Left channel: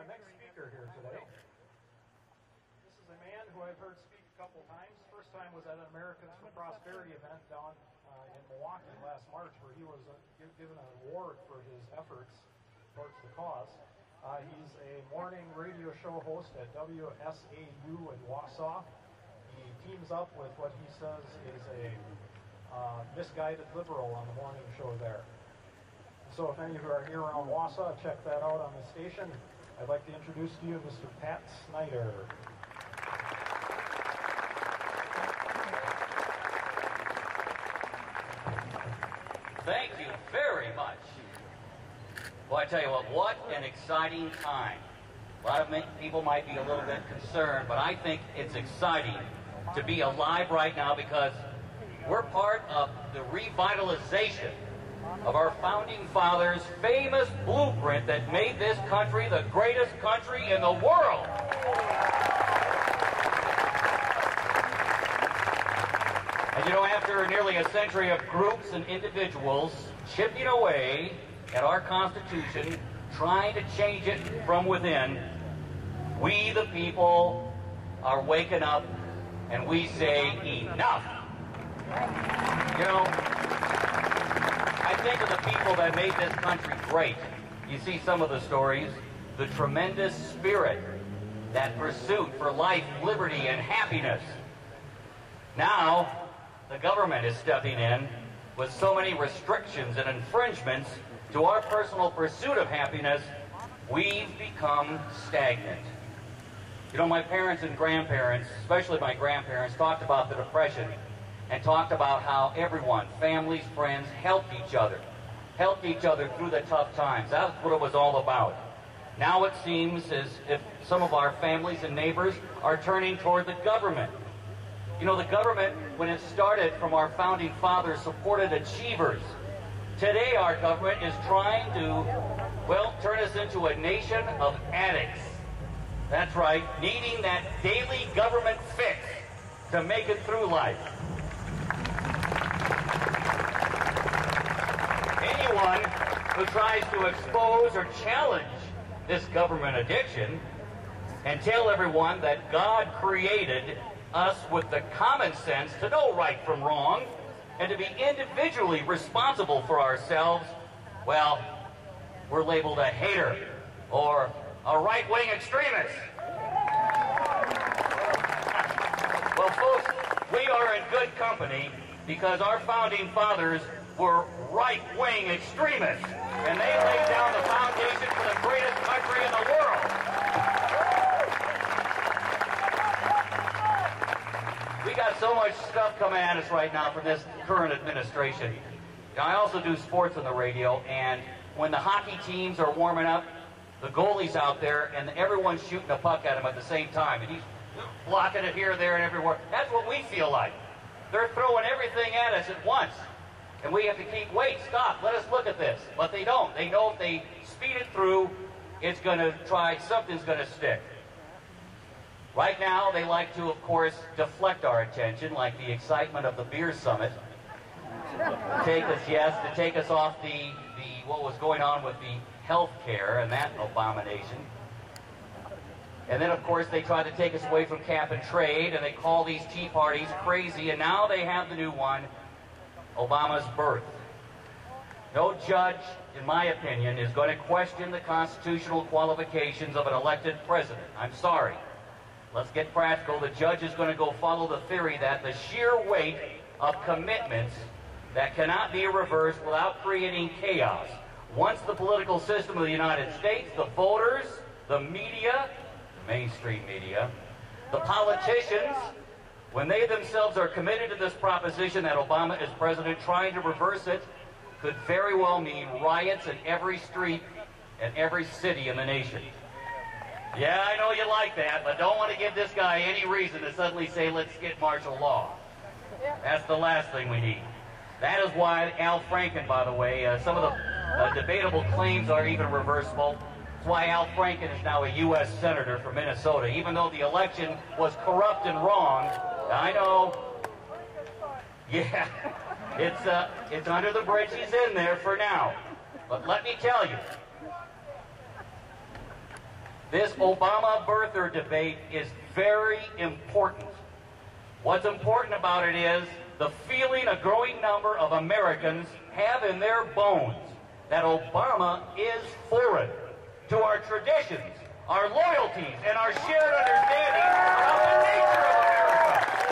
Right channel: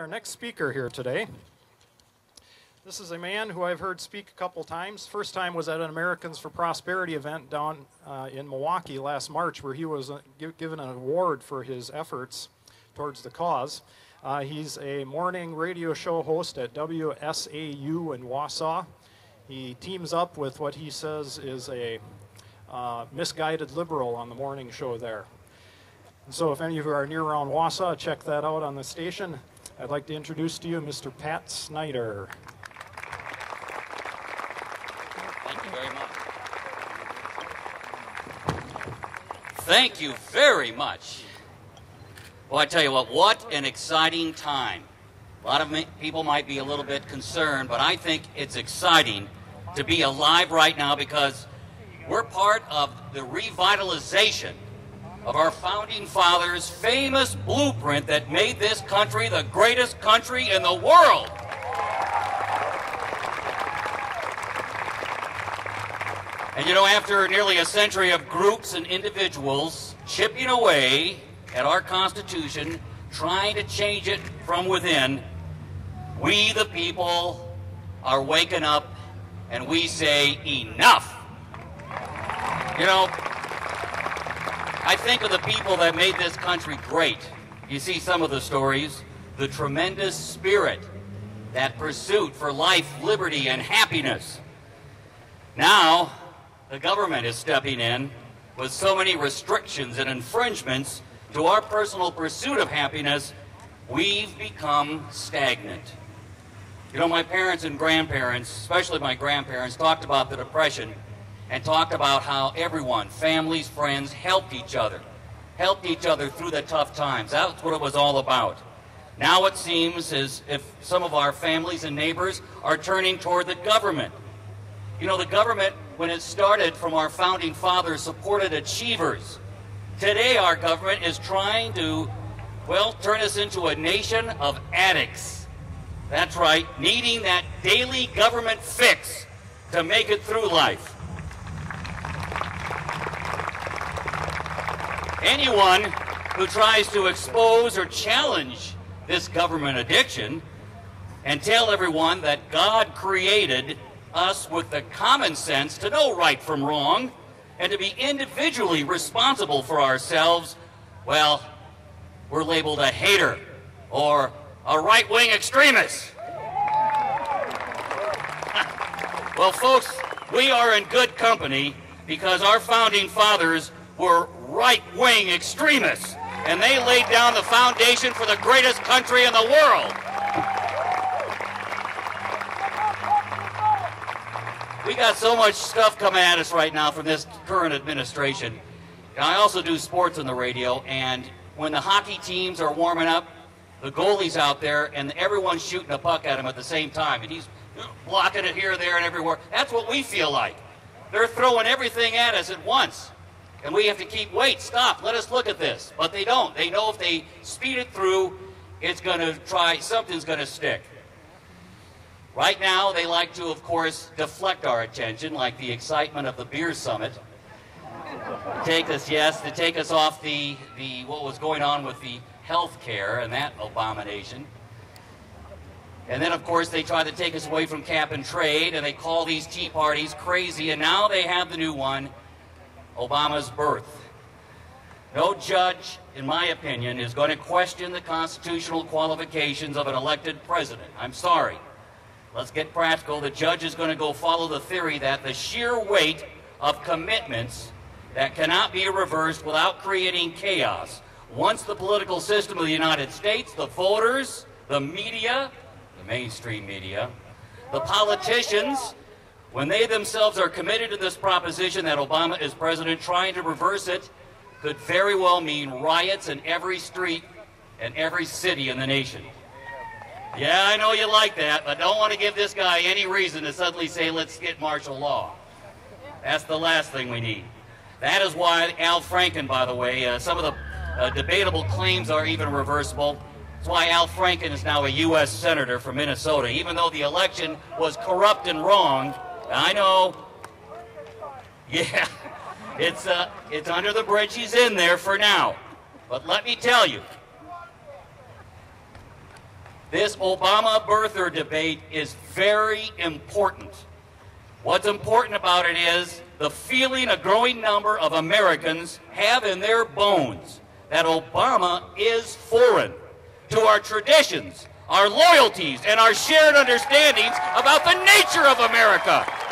Our next speaker here today. This is a man who I've heard speak a couple times. First time was at an Americans for Prosperity event down in Milwaukee last March, where he was given an award for his efforts towards the cause. He's a morning radio show host at WSAU in Wausau. He teams up with what he says is a misguided liberal on the morning show there. And so if any of you are near around Wausau, check that out on the station. I'd like to introduce to you Mr. Pat Snyder. Thank you very much. Well, I tell you what an exciting time. A lot of people might be a little bit concerned, but I think it's exciting to be alive right now because we're part of the revitalization of our founding fathers' famous blueprint that made this country the greatest country in the world. And you know, after nearly a century of groups and individuals chipping away at our Constitution, trying to change it from within, we the people are waking up and we say enough. You know, I think of the people that made this country great. You see some of the stories, the tremendous spirit, that pursuit for life, liberty, and happiness. Now, the government is stepping in with so many restrictions and infringements to our personal pursuit of happiness, we've become stagnant. You know, my parents and grandparents, especially my grandparents, talked about the Depression and talked about how everyone, families, friends, helped each other through the tough times. That's what it was all about. Now it seems as if some of our families and neighbors are turning toward the government. You know, the government, when it started from our founding fathers, supported achievers. Today our government is trying to, well, turn us into a nation of addicts. That's right, needing that daily government fix to make it through life. Anyone who tries to expose or challenge this government addiction and tell everyone that God created us with the common sense to know right from wrong and to be individually responsible for ourselves, well, we're labeled a hater or a right-wing extremist. Well, folks, we are in good company because our founding fathers were right-wing extremists, and they laid down the foundation for the greatest country in the world. We got so much stuff coming at us right now from this current administration. I also do sports on the radio, and when the hockey teams are warming up, the goalie's out there, and everyone's shooting a puck at him at the same time, and he's blocking it here, there, and everywhere. That's what we feel like. They're throwing everything at us at once. And we have to keep, wait, stop, let us look at this. But they don't. They know if they speed it through, it's going to something's going to stick. Right now, they like to, of course, deflect our attention, like the excitement of the beer summit. To take us off the what was going on with the health care and that abomination. And then, of course, they try to take us away from cap and trade, and they call these tea parties crazy, and now they have the new one, Obama's birth. No judge, in my opinion, is going to question the constitutional qualifications of an elected president. I'm sorry. Let's get practical. The judge is going to go follow the theory that the sheer weight of commitments that cannot be reversed without creating chaos. Once the political system of the United States, the voters, the media, the mainstream media, the politicians, when they themselves are committed to this proposition that Obama is president, trying to reverse it could very well mean riots in every street and every city in the nation. Yeah, I know you like that, but don't want to give this guy any reason to suddenly say, let's get martial law. That's the last thing we need. That is why Al Franken, by the way, some of the debatable claims are even reversible. That's why Al Franken is now a U.S. Senator from Minnesota, even though the election was corrupt and wrong. I know. Yeah, it's under the bridge. He's in there for now. But let me tell you, This Obama birther debate is very important. What's important about it is the feeling a growing number of Americans have in their bones that Obama is foreign to our traditions, our loyalties, and our shared understandings about the nature of America.